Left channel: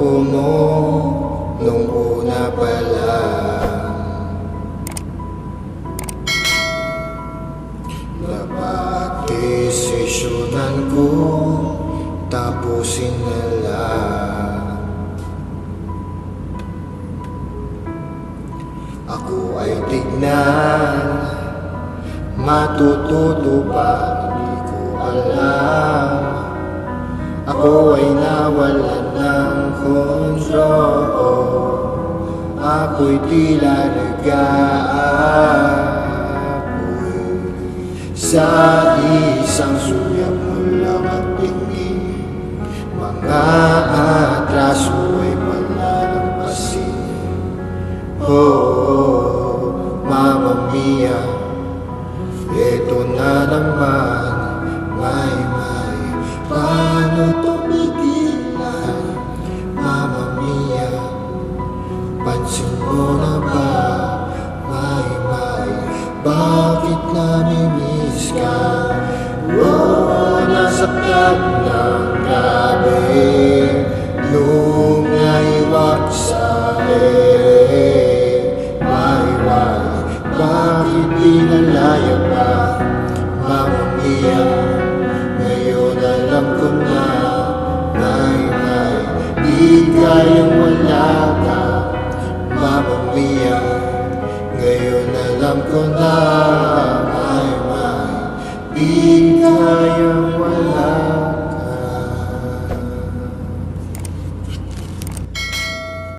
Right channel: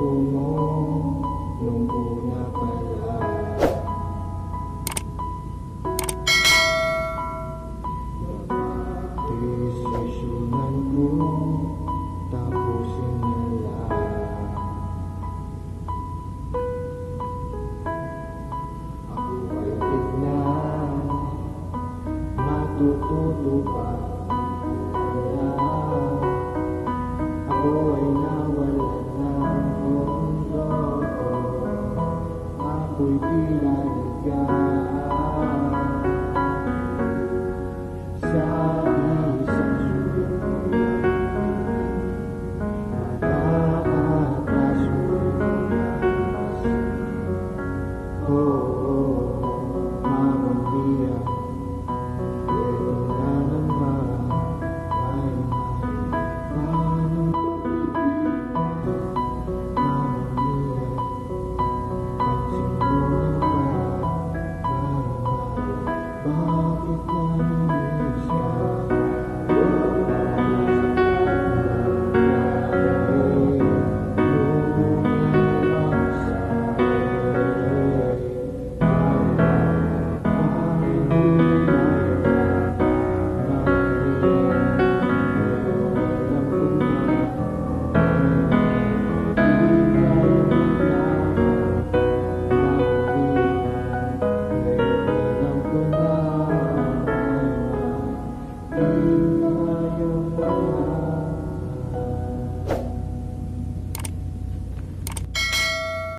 ayoko mo nung una pa lang. Napagdesisyonan ko tapusin na lang. Ako ay tignan, matututo ba? Hindi ko alam. Ako ay nawalan ng kontrol. Ako'y tila nag-aapoy sa isang sulyap mo lang at tingin. Mga atraso ay palalampasin. Oh, Mamma Mia, eto na naman. Paano to pigilan? Mamma Mia, pansin mo na ba? Bakit namimiss ka? Oh, nasaktan ng grabe nung naiwag sa'kin. Bakit pinalaya ka? Mamma Mia, ngayon alam ko na. Di kayang wala ka. Mamma Mia, ngayon alam ko na.